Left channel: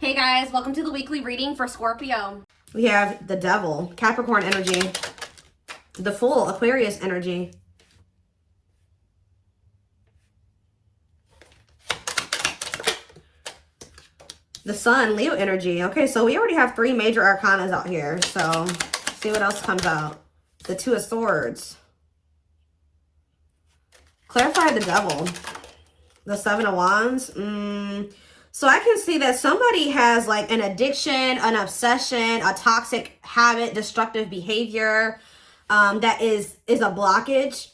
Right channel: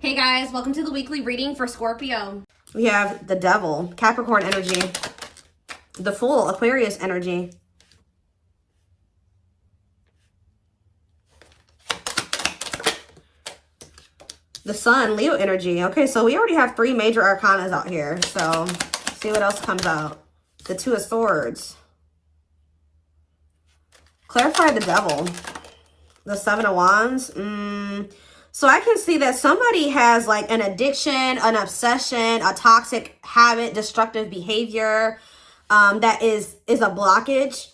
Hey guys, welcome to the weekly reading for Scorpio. We have the Devil, Capricorn energy, the Fool, Aquarius energy, the Sun, Leo energy. Okay, so we already have 3 major arcanas out here. So let's see what else comes out. The Two of Swords. Clarify the Devil. The Seven of Wands. So I can see that somebody has like an addiction, an obsession, a toxic habit, destructive behavior that is a blockage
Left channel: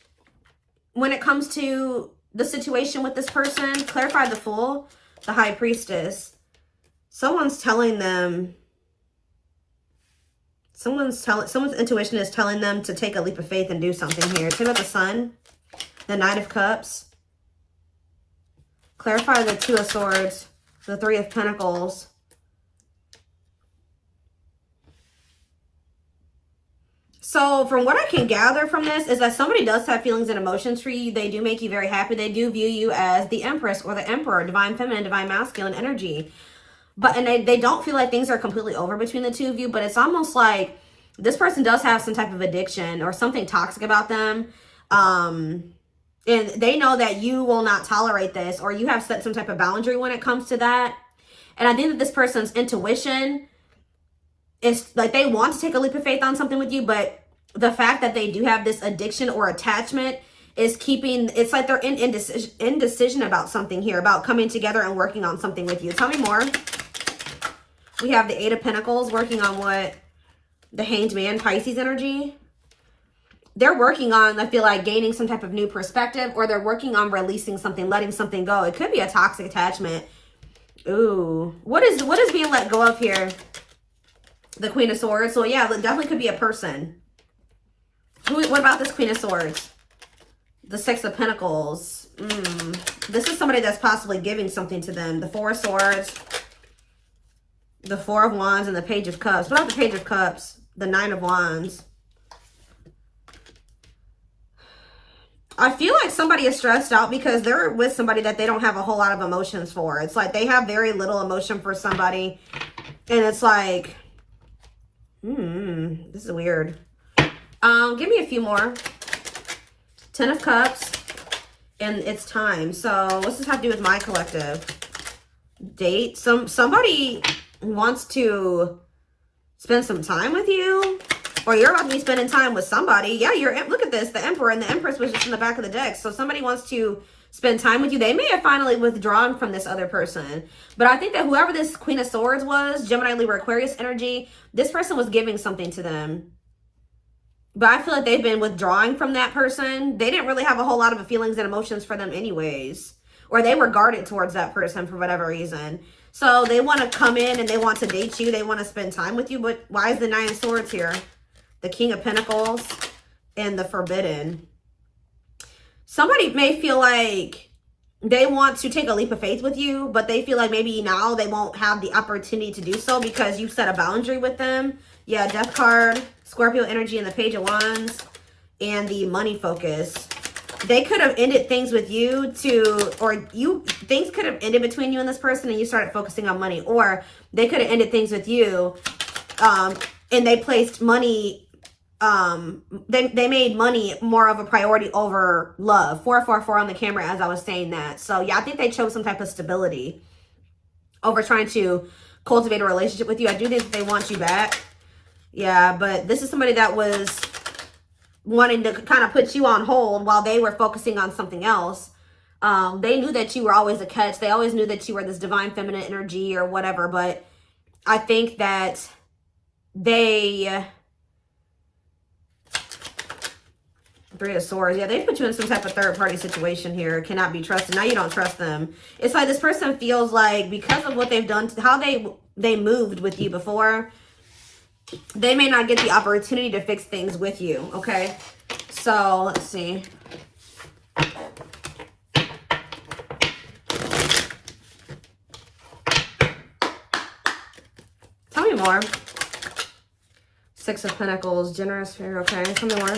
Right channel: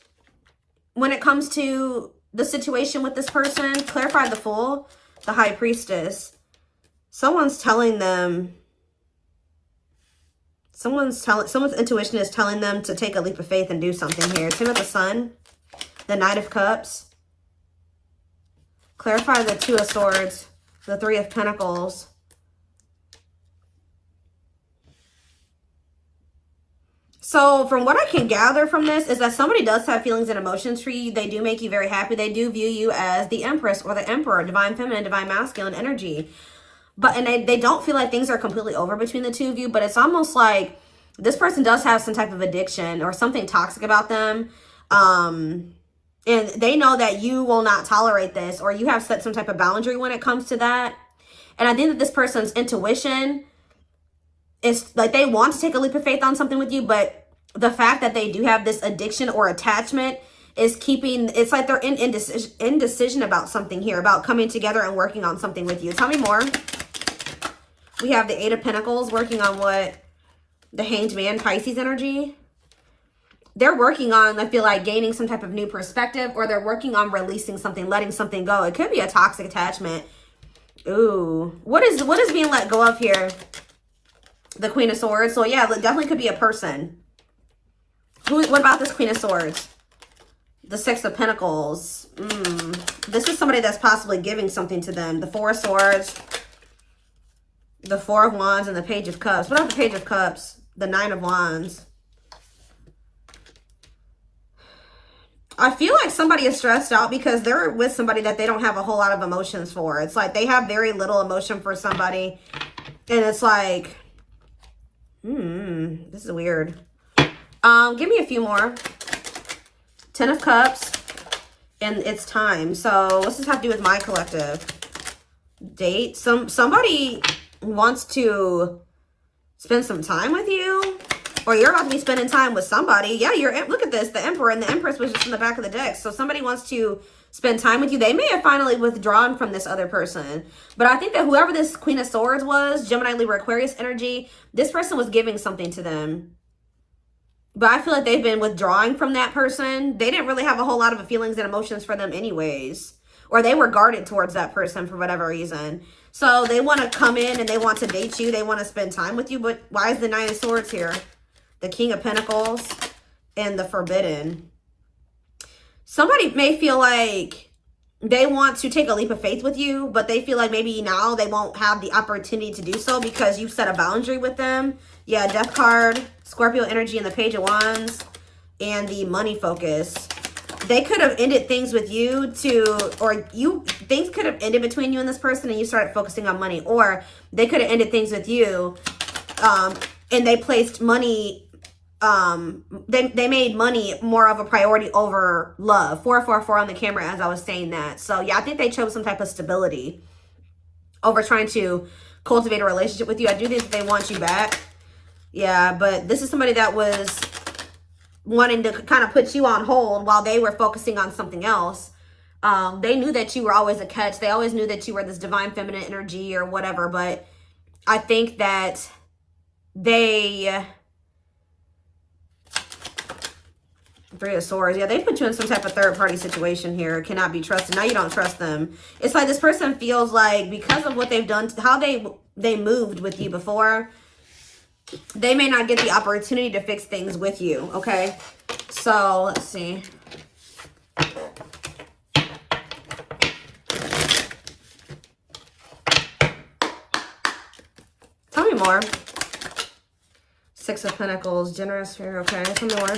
when it comes to the situation with this person. Clarify the Fool, the High Priestess. Someone's telling them, someone's intuition is telling them to take a leap of faith and do something here. Two of the Sun, the Knight of Cups. Clarify the Two of Swords, the Three of Pentacles. So from what I can gather from this is that somebody does have feelings and emotions for you. They do make you very happy. They do view you as the Empress or the Emperor, divine feminine, divine masculine energy. And they don't feel like things are completely over between the two of you, but it's almost like this person does have some type of addiction or something toxic about them. And they know that you will not tolerate this, or you have set some type of boundary when it comes to that. And I think that this person's intuition is like they want to take a leap of faith on something with you, but the fact that they do have this addiction or attachment is keeping, it's like they're in indecision about something here, about coming together and working on something with you. Tell me more. We have the Eight of Pentacles working on what? The Hanged Man, Pisces energy. They're working on, I feel like, gaining some type of new perspective, or they're working on releasing something, letting something go. It could be a toxic attachment. Ooh. What is being let go of here? The Queen of Swords. So yeah, it definitely could be a person. What about this Queen of Swords? The Six of Pentacles. This is somebody that's possibly giving something to them. The Four of Swords, the Four of Wands, and the Page of Cups. What about the Page of Cups? The Nine of Wands. I feel like somebody is stressed out because they're with somebody that they don't have a whole lot of emotions for. It's like they have very little emotion for somebody. And it's like, this is weird. Give me a few more. Ten of Cups. And it's time. So what's this have to do with my collective? Date. Somebody wants to spend some time with you. Or you're about to be spending time with somebody. Yeah, look at this. The Emperor and the Empress was just in the back of the deck. So somebody wants to spend time with you. They may have finally withdrawn from this other person. But I think that whoever this Queen of Swords was, Gemini, Libra, Aquarius energy, this person was giving something to them. But I feel like they've been withdrawing from that person. They didn't really have a whole lot of feelings and emotions for them anyways. Or they were guarded towards that person for whatever reason. So they want to come in and they want to date you. They want to spend time with you. But why is the Nine of Swords here? The King of Pentacles and the Forbidden. Somebody may feel like they want to take a leap of faith with you, but they feel like maybe now they won't have the opportunity to do so because you set a boundary with them. Yeah, Death card, Scorpio energy, and the Page of Wands, and the Money Focus. They could have ended things with you things could have ended between you and this person and you started focusing on money. Or they could have ended things with you and they placed money, they made money more of a priority over love. 444 on the camera as I was saying that. So yeah, I think they chose some type of stability over trying to cultivate a relationship with you. I do think they want you back. Yeah, but this is somebody that was wanting to kind of put you on hold while they were focusing on something else. They knew that you were always a catch. They always knew that you were this divine feminine energy or whatever. But I think that they... Three of Swords. Yeah, they put you in some type of third-party situation here. Cannot be trusted. Now you don't trust them. It's like this person feels like because of what they've done, how they moved with you before, they may not get the opportunity to fix things with you, okay? So, let's see. Tell me more. Six of Pentacles, Generous Spirit, okay? Some more.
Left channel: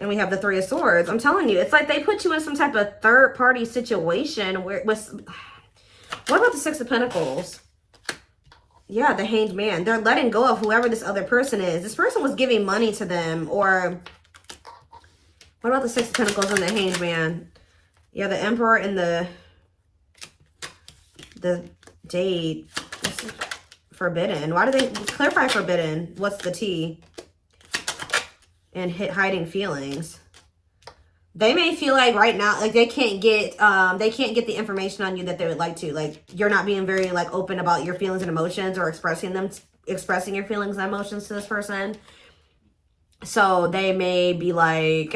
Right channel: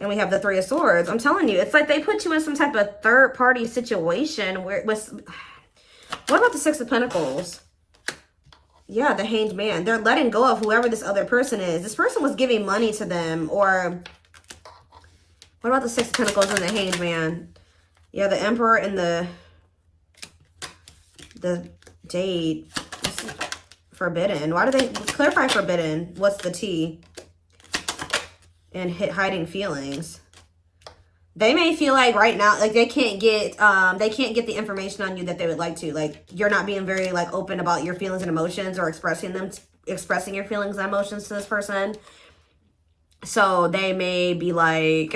And we have the Three of Swords. I'm telling you, it's like they put you in some type of third-party situation where What about the Six of Pentacles? Yeah, the Hanged Man. They're letting go of whoever this other person is. This person was giving money to them, or what about the Six of Pentacles and the Hanged Man? Yeah, the Emperor and the Jade. Forbidden. Why do they clarify forbidden? What's the T? And hiding feelings. They may feel like right now, like they can't get the information on you that they would like to. Like you're not being very like open about your feelings and emotions, or expressing your feelings and emotions to this person. So they may be like,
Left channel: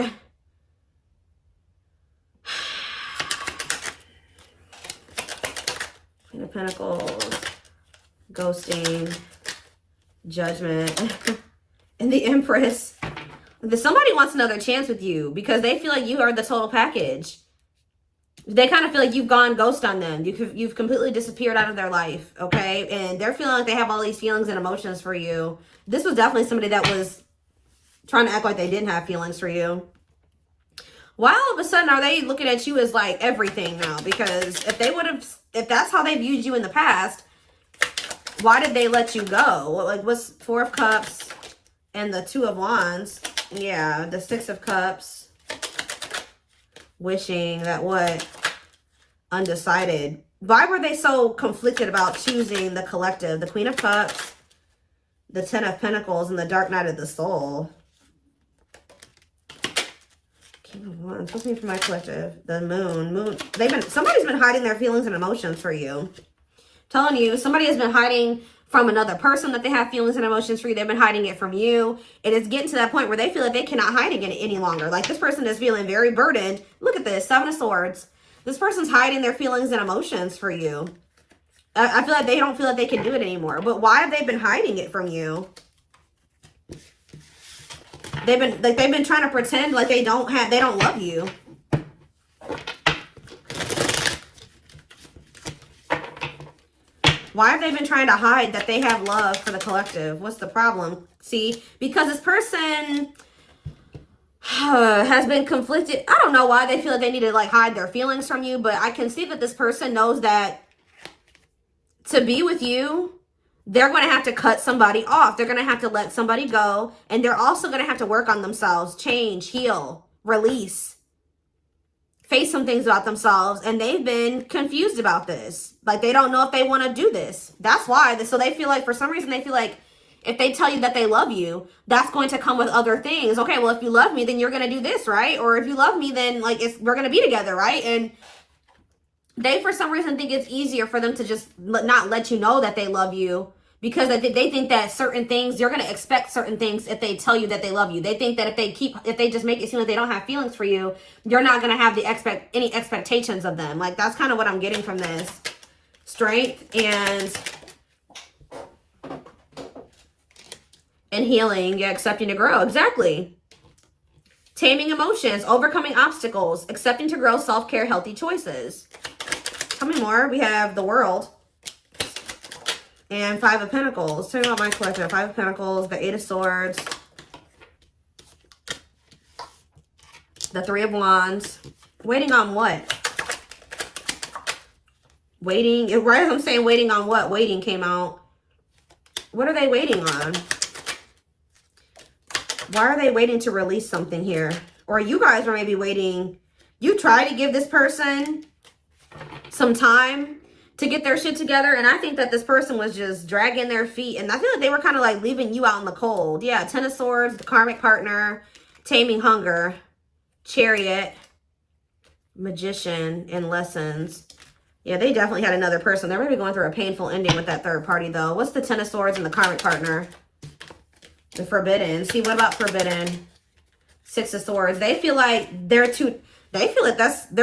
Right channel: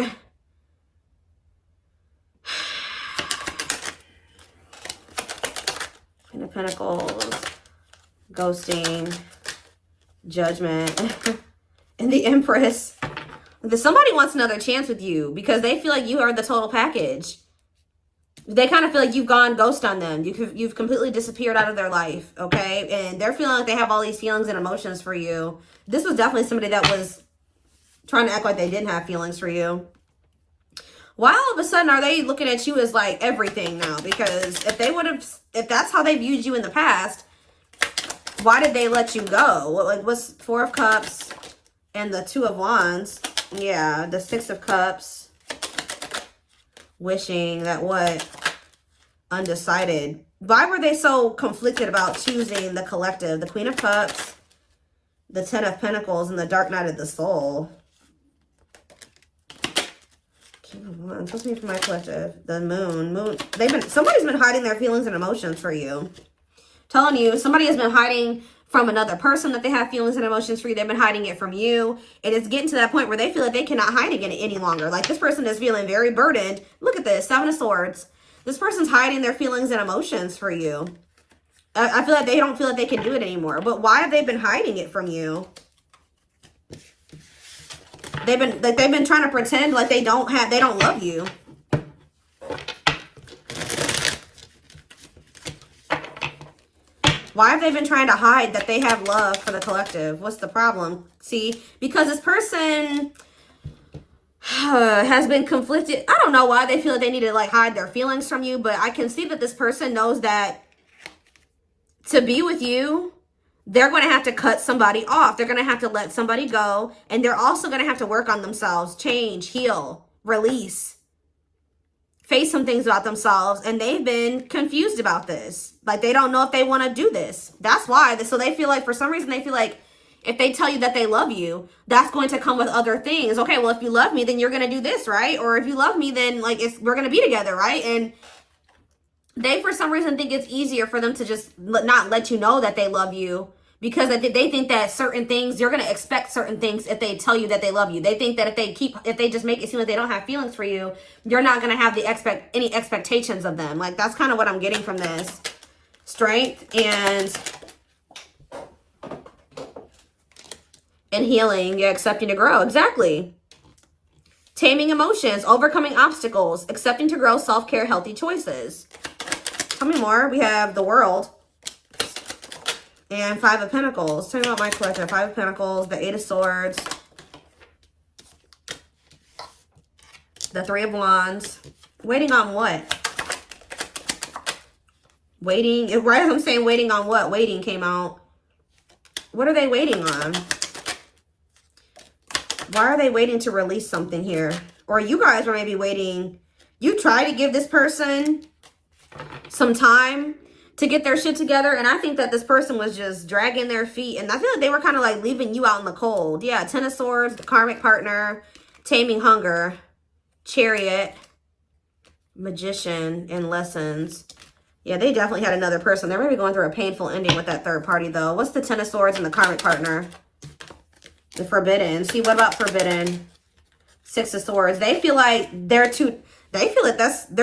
Queen of Pentacles, ghosting, Judgment, and the Empress. Somebody wants another chance with you because they feel like you are the total package. They kind of feel like you've gone ghost on them. You've completely disappeared out of their life, okay? And they're feeling like they have all these feelings and emotions for you. This was definitely somebody that was trying to act like they didn't have feelings for you. Why all of a sudden are they looking at you as like everything now? Because if that's how they viewed you in the past, why did they let you go? Like, what's Four of Cups and the Two of Wands? Yeah, the Six of Cups. Wishing that what? Undecided. Why were they so conflicted about choosing the collective? The Queen of Cups, the Ten of Pentacles, and the Dark Night of the Soul. King of Wands. What's me for my collective? The Moon. Somebody's been hiding their feelings and emotions for you. Telling you, somebody has been hiding from another person that they have feelings and emotions for you. They've been hiding it from you. And it's getting to that point where they feel like they cannot hide it any longer. Like this person is feeling very burdened. Look at this, Seven of Swords. This person's hiding their feelings and emotions for you. I feel like they don't feel like they can do it anymore. But why have they been hiding it from you? They've been trying to pretend like they don't love you. Why have they been trying to hide that they have love for the collective? What's the problem? See, because this person has been conflicted. I don't know why they feel like they need to like hide their feelings from you, but I can see that this person knows that to be with you, they're going to have to cut somebody off. They're going to have to let somebody go. And they're also going to have to work on themselves, change, heal, release. Face some things about themselves, and they've been confused about this. Like they don't know if they want to do this. That's why. So they feel like for some reason they feel like if they tell you that they love you, that's going to come with other things. Okay, well if you love me, then you're going to do this, right? Or if you love me, then like we're going to be together, right? And they for some reason think it's easier for them to just not let you know that they love you, because they think that certain things, you're going to expect certain things if they tell you that they love you. They think that if they just make it seem like they don't have feelings for you, you're not going to have any expectations of them. Like, that's kind of what I'm getting from this. Strength and healing, yeah, accepting to grow. Exactly. Taming emotions, overcoming obstacles, accepting to grow, self-care, healthy choices. How many more? We have the World. And Five of Pentacles. Tell me about my collector. Five of Pentacles, the Eight of Swords, the Three of Wands. Waiting on what? Waiting. Right as I'm saying waiting on what? Waiting came out. What are they waiting on? Why are they waiting to release something here? Or you guys are maybe waiting. You try to give this person some time to get their shit together, and I think that this person was just dragging their feet, and I feel like they were kind of like leaving you out in the cold. Yeah, Ten of Swords, the Karmic Partner, Taming Hunger, Chariot, Magician, and Lessons. Yeah, they definitely had another person. They're maybe going through a painful ending with that third party, though. What's the Ten of Swords and the Karmic Partner? The Forbidden. See, what about Forbidden? Six of Swords. They feel like they're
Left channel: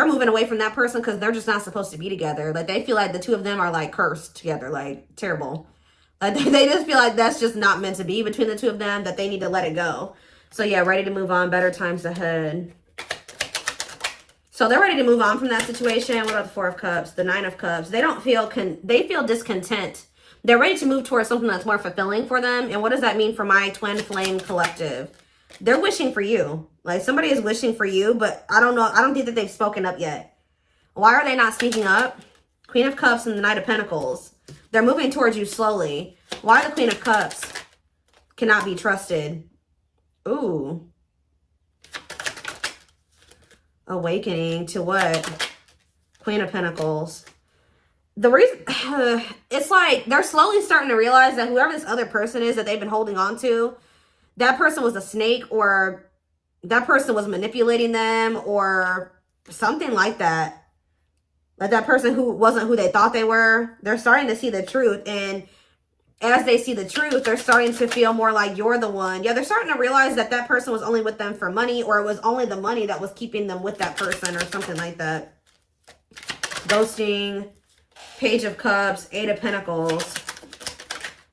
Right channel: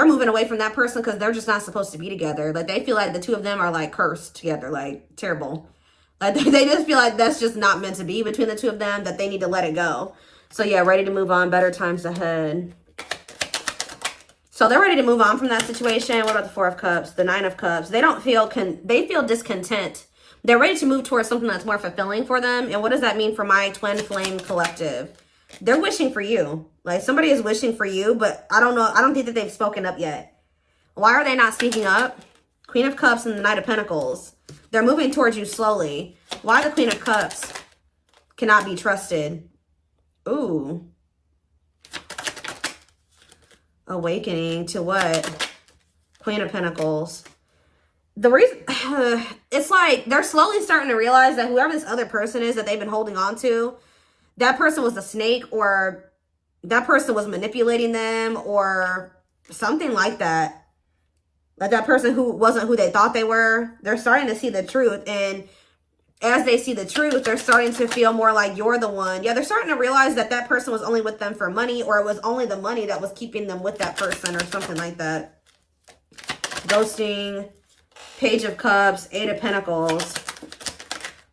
moving away from that person because they're just not supposed to be together. Like, they feel like the two of them are like cursed together, like terrible. Like, they just feel like that's just not meant to be between the two of them, that they need to let it go. So yeah, ready to move on, better times ahead. So they're ready to move on from that situation. What about the Four of Cups, the Nine of Cups? They feel discontent. They're ready to move towards something that's more fulfilling for them. And what does that mean for my twin flame collective? They're wishing for you. Like, somebody is wishing for you, but I don't know. I don't think that they've spoken up yet. Why are they not speaking up? Queen of Cups and the Knight of Pentacles. They're moving towards you slowly. Why the Queen of Cups cannot be trusted? Ooh. Awakening to what? Queen of Pentacles. The reason, it's like they're slowly starting to realize that whoever this other person is that they've been holding on to, that person was a snake, or that person was manipulating them, or something like that. Like that person who wasn't who they thought they were. They're starting to see the truth. And as they see the truth, they're starting to feel more like you're the one. Yeah, they're starting to realize that that person was only with them for money, or it was only the money that was keeping them with that person, or something like that. Ghosting, Page of Cups, Eight of Pentacles.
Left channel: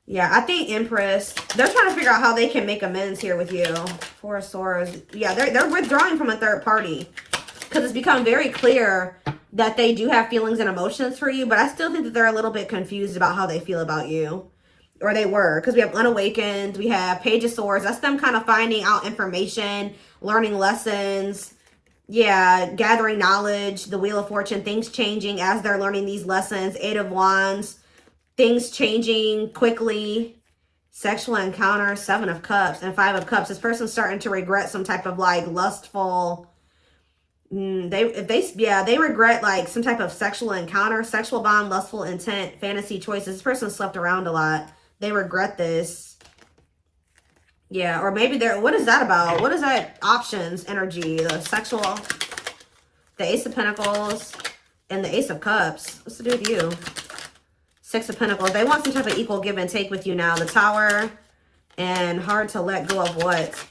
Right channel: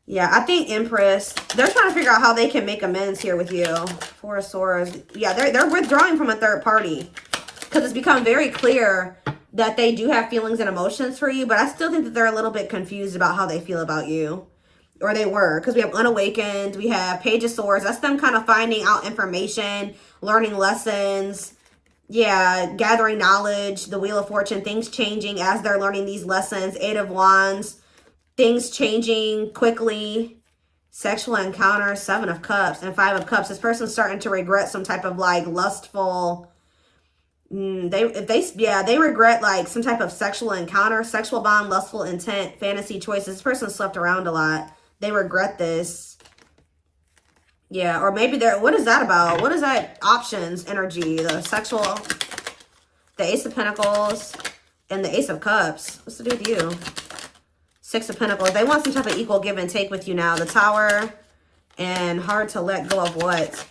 Yeah, I think Empress, they're trying to figure out how they can make amends here with you. Four of Swords. Yeah, they're withdrawing from a third party. Because it's become very clear that they do have feelings and emotions for you, but I still think that they're a little bit confused about how they feel about you. Or they were, because we have Unawakened, we have Page of Swords. That's them kind of finding out information, learning lessons. Yeah, gathering knowledge, the Wheel of Fortune, things changing as they're learning these lessons. Eight of Wands, things changing quickly. Sexual encounter, Seven of Cups, and Five of Cups. This person's starting to regret some type of like lustful, they regret like some type of sexual encounter, sexual bond, lustful intent, fantasy choices. This person slept around a lot. They regret this. Yeah, or maybe they're, what is that about? What is that options energy? The sexual, the Ace of Pentacles, and the Ace of Cups. What's the deal with you? Six of Pentacles. They want some type of equal give and take with you now. The Tower, and hard to let go of what?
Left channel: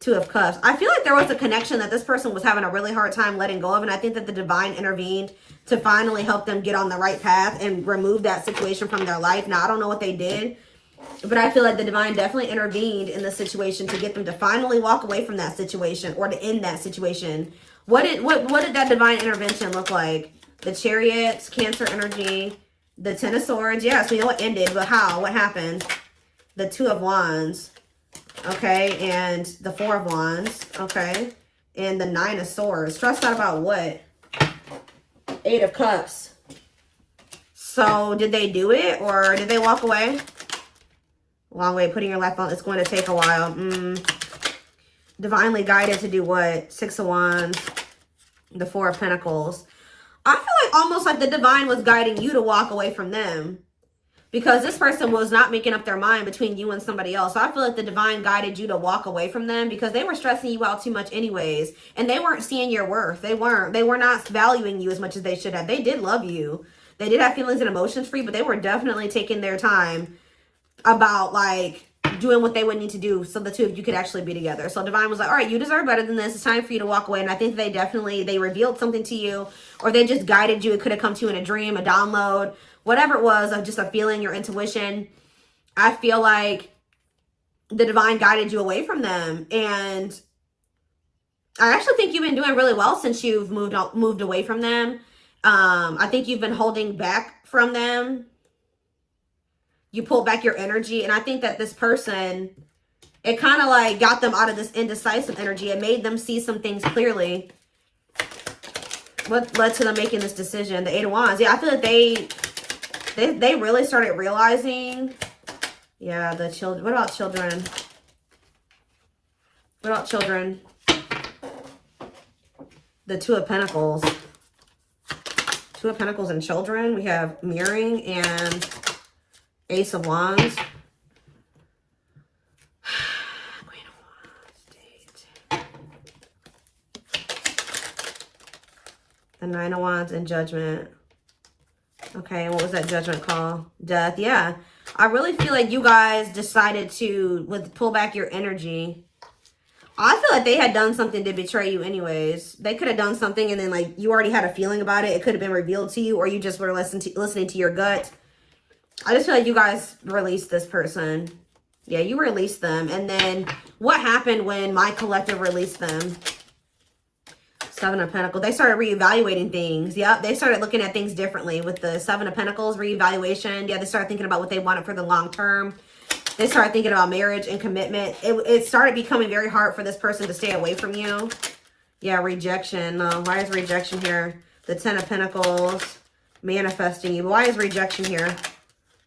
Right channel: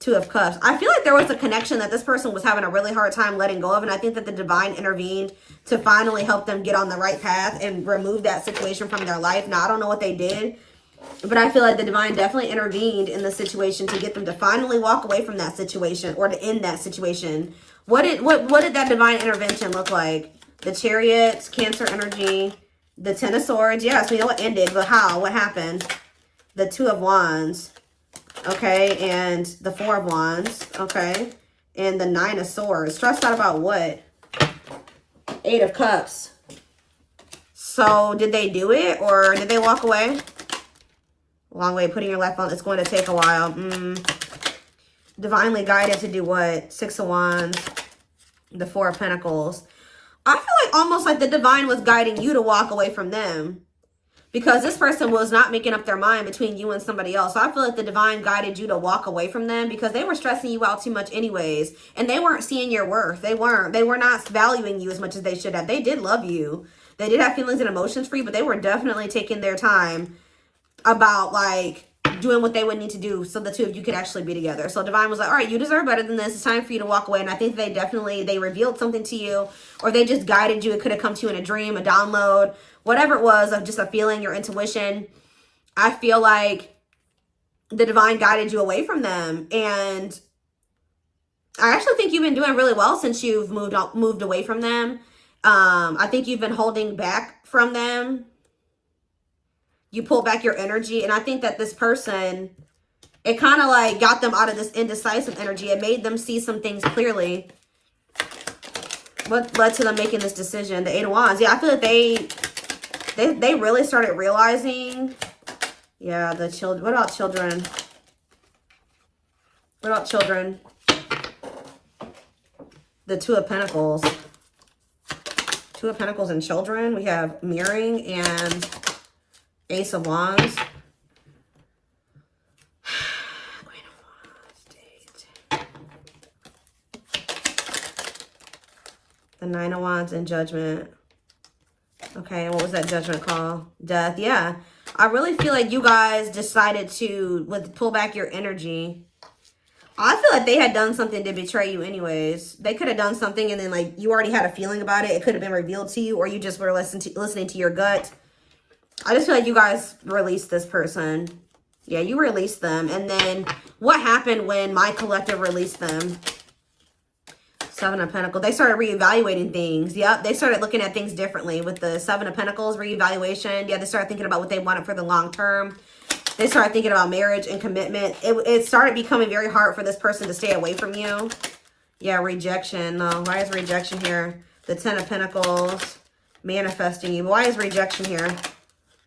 Two of Cups. I feel like there was a connection that this person was having a really hard time letting go of, and I think that the divine intervened to finally help them get on the right path and remove that situation from their life. Now, I don't know what they did, but I feel like the divine definitely intervened in the situation to get them to finally walk away from that situation, or to end that situation. What did that divine intervention look like? The Chariots, Cancer energy, the Ten of Swords. Yeah, so it ended, but how? What happened? The Two of Wands. Okay, and the Four of Wands. Okay, and the Nine of Swords. Stressed out about what? Eight of Cups. So did they do it, or did they walk away? Long way, putting your life on. It's going to take a while. Divinely guided to do what? Six of Wands. The Four of Pentacles. I feel like almost like the divine was guiding you to walk away from them. Because this person was not making up their mind between you and somebody else. So I feel like the divine guided you to walk away from them, because they were stressing you out too much anyways. And they weren't seeing your worth. They were not valuing you as much as they should have. They did love you. They did have feelings and emotions for you, but they were definitely taking their time about like doing what they would need to do so the two of you could actually be together. So divine was like, all right, you deserve better than this. It's time for you to walk away. And I think they revealed something to you, or they just guided you. It could have come to you in a dream, a download, whatever it was, of just a feeling, your intuition. I feel like the divine guided you away from them. And I actually think you've been doing really well since you've moved away from them. I think you've been holding back from them. You pull back your energy. And I think that this person, it kind of like got them out of this indecisive energy. It made them see some things clearly. What led to them making this decision? The Eight of Wands. Yeah, I feel like they really started realizing. Yeah, the children. What about children? What about children? The Two of Pentacles. Two of Pentacles and children. We have mirroring and Ace of Wands. Queen of Wands. The Nine of Wands and Judgment. Okay, what was that Judgment call? Death. Yeah. I really feel like you guys decided to pull back your energy. I feel like they had done something to betray you anyways. They could have done something and then like you already had a feeling about it. It could have been revealed to you, or you just were listening to your gut. I just feel like you guys released this person. Yeah, you released them. And then what happened when my collective released them? Seven of Pentacles. They started reevaluating things. Yep, they started looking at things differently with the Seven of Pentacles reevaluation. Yeah, they started thinking about what they wanted for the long term. They started thinking about marriage and commitment. It started becoming very hard for this person to stay away from you. Yeah, rejection. No, why is rejection here? The Ten of Pentacles. manifesting you. Why is rejection here?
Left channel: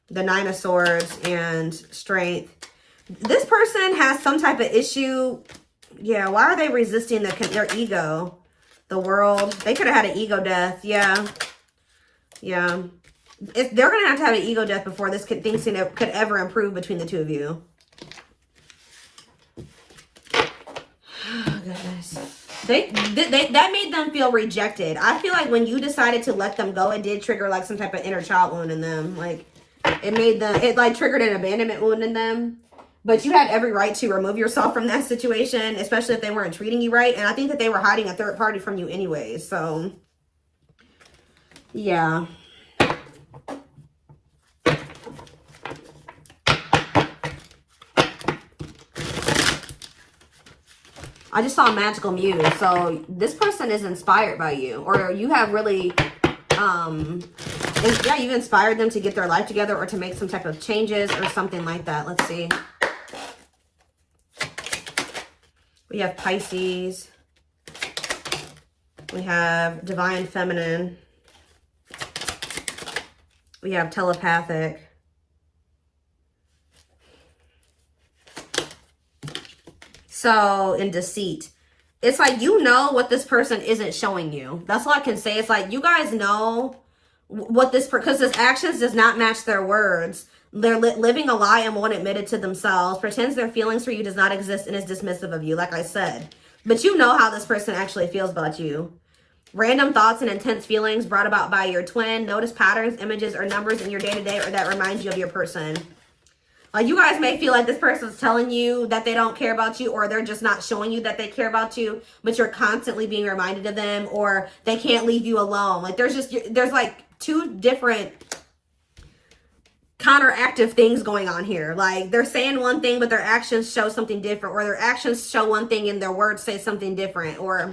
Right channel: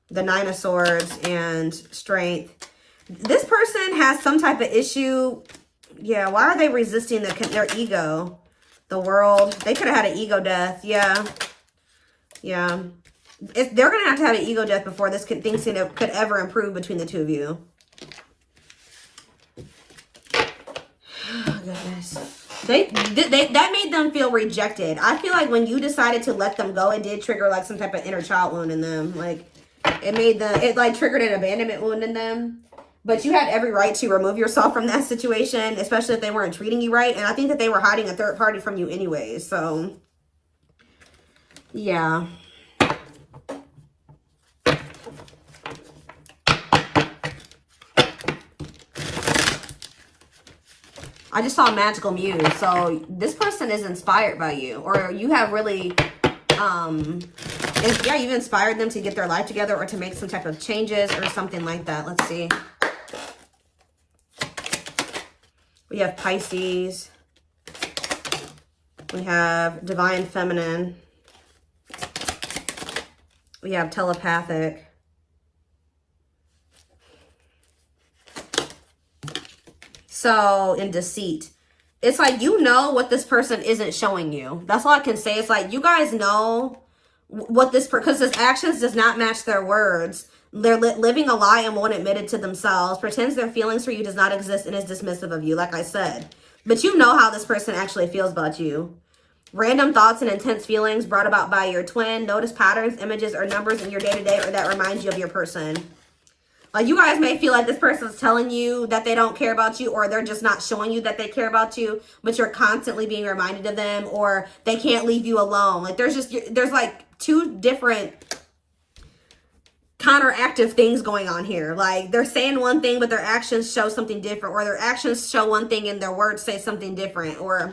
The Nine of Swords and Strength. This person has some type of issue. Yeah, why are they resisting their ego? The World. They could have had an ego death. Yeah. Yeah. They're going to have an ego death before things could ever improve between the two of you. Oh, goodness. That made them feel rejected. I feel like when you decided to let them go, it did trigger like some type of inner child wound in them. Like it like triggered an abandonment wound in them. But you had every right to remove yourself from that situation, especially if they weren't treating you right. And I think that they were hiding a third party from you anyways. So, yeah. I just saw Magical Muse. So this person is inspired by you, or you have really, yeah, you inspired them to get their life together or to make some type of changes or something like that. Let's see. We have Pisces. We have Divine Feminine. We have Telepathic. So, in Deceit. It's like, you know what this person isn't showing you. That's all I can say. It's like, you guys know what this, because this actions does not match their words. They're living a lie and won't admit it to themselves. Pretends their feelings for you does not exist and is dismissive of you, like I said. But you know how this person actually feels about you. Random thoughts and intense feelings brought about by your twin. Notice patterns, images, or numbers in your day-to-day or that remind you of your person. Like, you guys may feel like this person's telling you that they don't care about you, or they're just not showing you that they care about you, but you're constantly being reminded of them, or they can't leave you alone. Like, there's like two different counteractive things going on here. Like, they're saying one thing, but their actions show something different, or their actions show one thing and their words say something different, or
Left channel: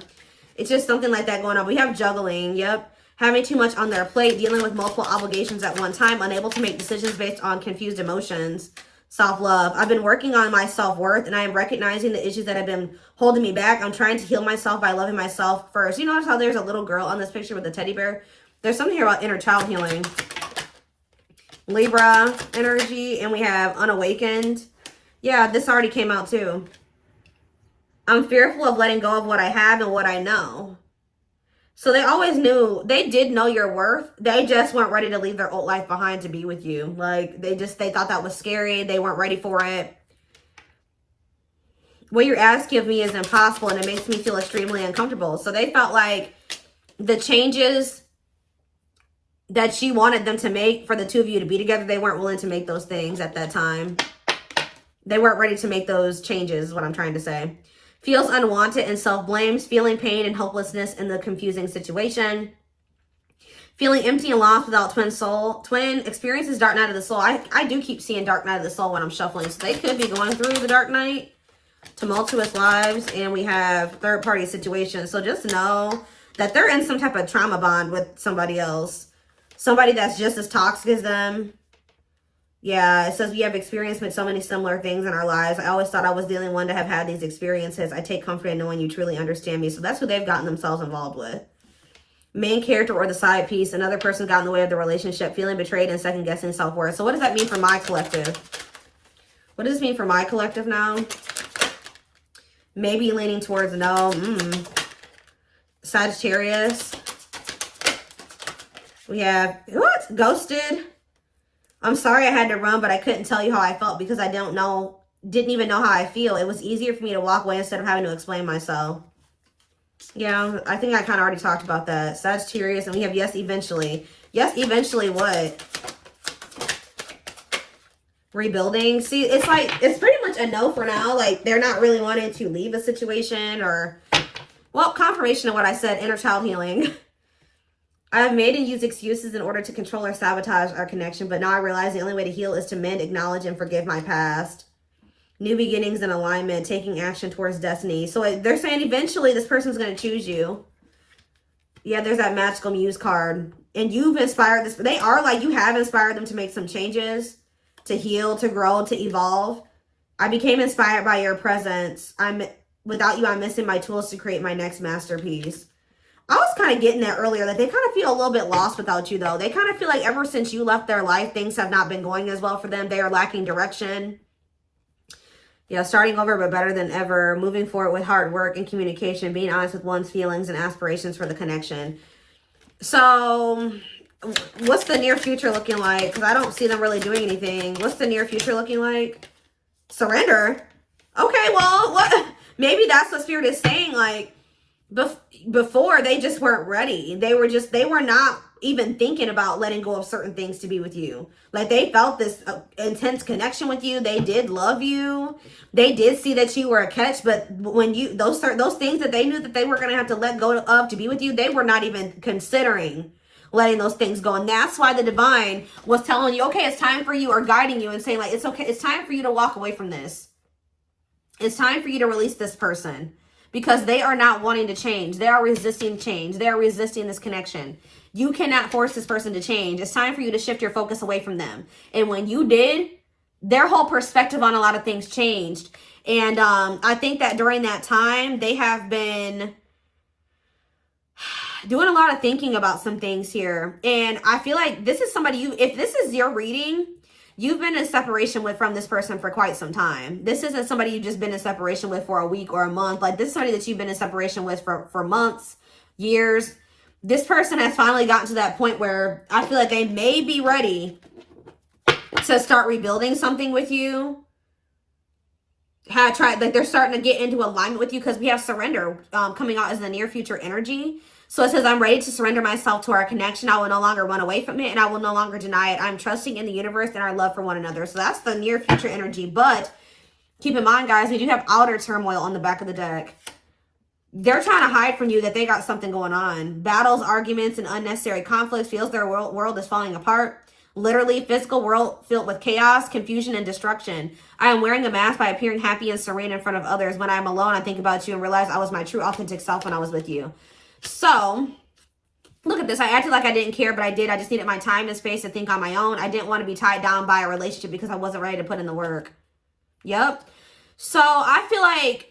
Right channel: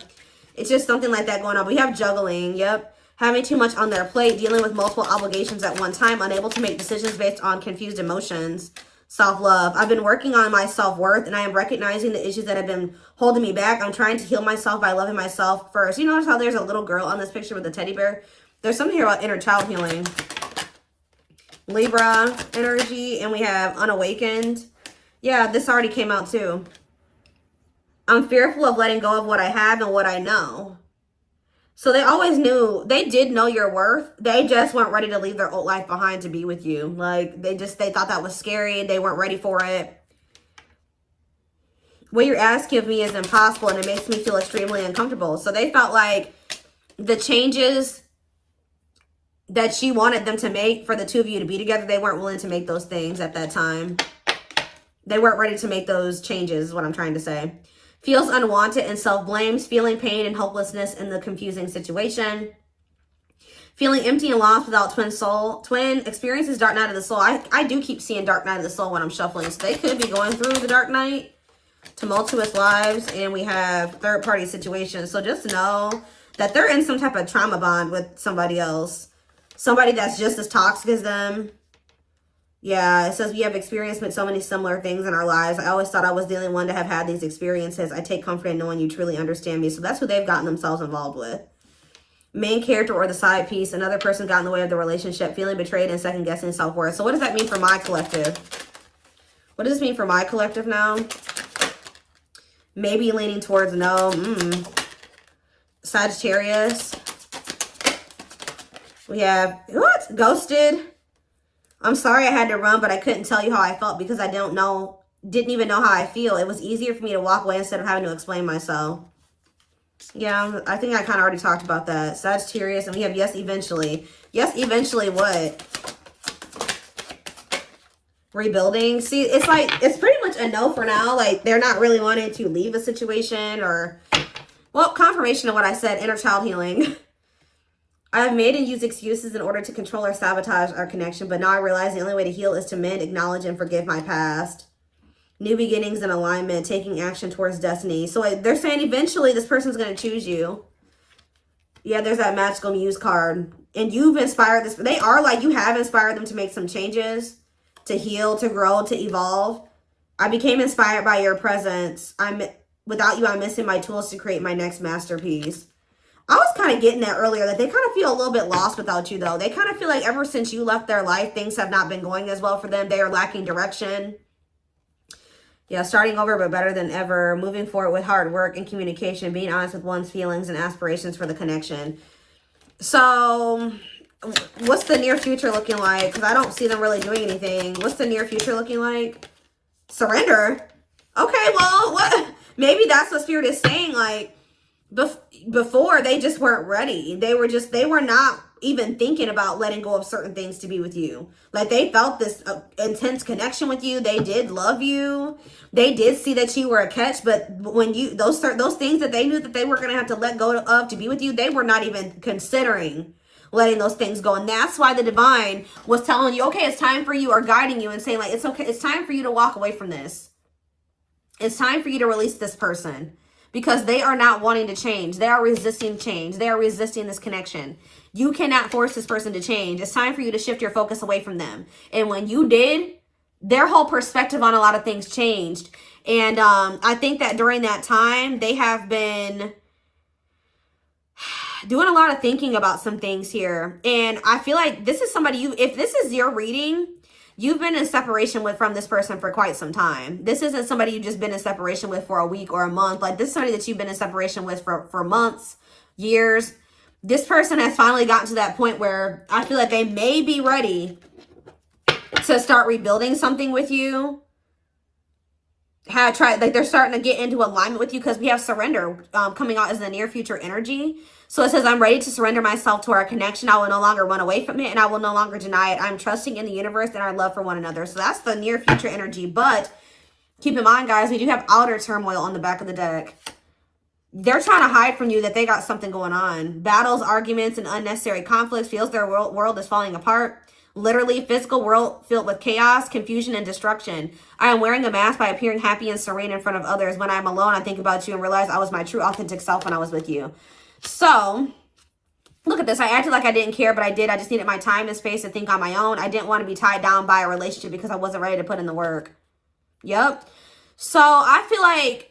it's just something like that going on. We have juggling. Yep. Having too much on their plate, dealing with multiple obligations at one time, unable to make decisions based on confused emotions. Self-love. I've been working on my self-worth, and I am recognizing the issues that have been holding me back. I'm trying to heal myself by loving myself first. You notice how there's a little girl on this picture with a teddy bear? There's something here about inner child healing. Libra energy, and we have unawakened. Yeah, this already came out too. I'm fearful of letting go of what I have and what I know. So they always knew, they did know your worth. They just weren't ready to leave their old life behind to be with you. Like, they thought that was scary. They weren't ready for it. What you're asking of me is impossible, and it makes me feel extremely uncomfortable. So they felt like the changes that you wanted them to make for the two of you to be together, they weren't willing to make those things at that time. They weren't ready to make those changes, is what I'm trying to say. Feels unwanted and self-blames, feeling pain and hopelessness in the confusing situation. Feeling empty and lost without twin soul. Twin experiences dark night of the soul. I do keep seeing dark night of the soul when I'm shuffling. So they could be going through the dark night. Tumultuous lives. And we have third party situations. So just know that they're in some type of trauma bond with somebody else. Somebody that's just as toxic as them. Yeah, it says we have experienced so many similar things in our lives. I always thought I was the only one to have had these experiences. I take comfort in knowing you truly understand me. So that's who they've gotten themselves involved with. Main character or the side piece. Another person got in the way of the relationship. Feeling betrayed and second guessing self-worth. So what does that mean for my collective? What does this mean for my collective now? Maybe leaning towards no. Sagittarius. We have, what? Ghosted. I'm sorry I had to run, but I couldn't tell you how I felt because I didn't even know how I feel. It was easier for me to walk away instead of having to explain myself. Yeah, I think I kind of already talked about that. Sagittarius, and we have yes, eventually. Yes, eventually what? Rebuilding. See, it's like, it's pretty much a no for now. Like, they're not really wanting to leave a situation or, well, confirmation of what I said, inner child healing. I've made and used excuses in order to control or sabotage our connection, but now I realize the only way to heal is to mend, acknowledge, and forgive my past. New beginnings and alignment, taking action towards destiny. So they're saying eventually this person's going to choose you. Yeah, there's that Magical Muse card. And you've inspired this. They are like, you have inspired them to make some changes, to heal, to grow, to evolve. I became inspired by your presence. Without you, I'm missing my tools to create my next masterpiece. I was kind of getting that earlier, that they kind of feel a little bit lost without you, though. They kind of feel like ever since you left their life, things have not been going as well for them. They are lacking direction. Yeah, starting over, but better than ever. Moving forward with hard work and communication. Being honest with one's feelings and aspirations for the connection. So, what's the near future looking like? Because I don't see them really doing anything. What's the near future looking like? Surrender? Okay, well, what? Maybe that's what Spirit is saying, like, before they just weren't ready. They were not even thinking about letting go of certain things to be with you. Like, they felt this intense connection with you. They did love you. They did see that you were a catch, but when you, those things that they knew that they were going to have to let go of to be with you, they were not even considering letting those things go. And that's why the divine was telling you, okay, it's time for you, or guiding you and saying, like, it's okay. It's time for you to walk away from this. It's time for you to release this person. Because they are not wanting to change. They are resisting change. They are resisting this connection. You cannot force this person to change. It's time for you to shift your focus away from them. And when you did, their whole perspective on a lot of things changed. And I think that during that time, they have been doing a lot of thinking about some things here. And I feel like this is somebody if this is your reading, you've been in separation from this person for quite some time. This isn't somebody you've just been in separation with for a week or a month. Like, this is somebody that you've been in separation with for months, years. This person has finally gotten to that point where I feel like they may be ready to start rebuilding something with you. Like, they're starting to get into alignment with you, because we have surrender coming out as the near future energy. So it says, I'm ready to surrender myself to our connection. I will no longer run away from it, and I will no longer deny it. I'm trusting in the universe and our love for one another. So that's the near future energy. But keep in mind, guys, we do have outer turmoil on the back of the deck. They're trying to hide from you that they got something going on. Battles, arguments, and unnecessary conflicts. Feels their world is falling apart. Literally, physical world filled with chaos, confusion, and destruction. I am wearing a mask by appearing happy and serene in front of others. When I am alone, I think about you and realize I was my true, authentic self when I was with you. So, look at this. I acted like I didn't care, but I did. I just needed my time and space to think on my own. I didn't want to be tied down by a relationship because I wasn't ready to put in the work. Yep. So, I feel like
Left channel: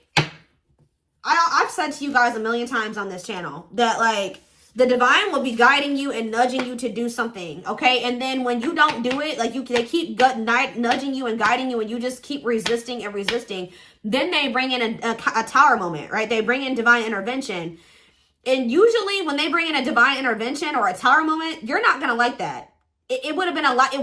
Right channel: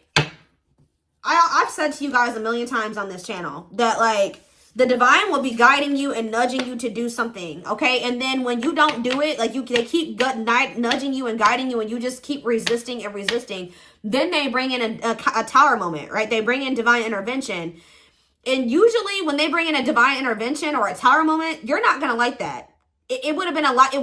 I've said to you guys a million times on this channel that, like, the divine will be guiding you and nudging you to do something, okay? And then when you don't do it, like, they keep nudging you and guiding you, and you just keep resisting and resisting, then they bring in a tower moment, right? They bring in divine intervention. And usually when they bring in a divine intervention or a tower moment, you're not going to like that. It would have been a lot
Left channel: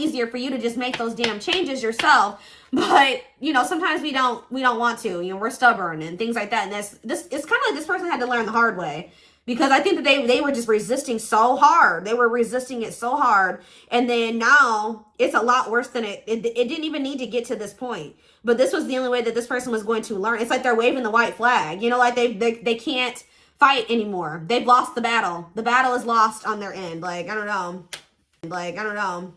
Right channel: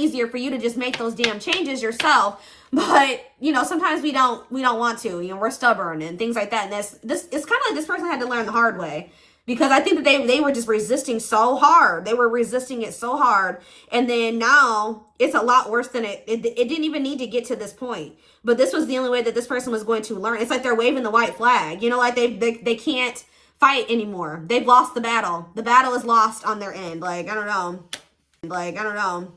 easier for you to just make those damn changes yourself. But, you know, sometimes we don't want to. You know, we're stubborn and things like that. And it's kind of like this person had to learn the hard way. Because I think that they were just resisting so hard. They were resisting it so hard. And then now it's a lot worse than it didn't even need to get to this point. But this was the only way that this person was going to learn. It's like they're waving the white flag. You know, like they can't fight anymore. They've lost the battle. The battle is lost on their end. Like, I don't know.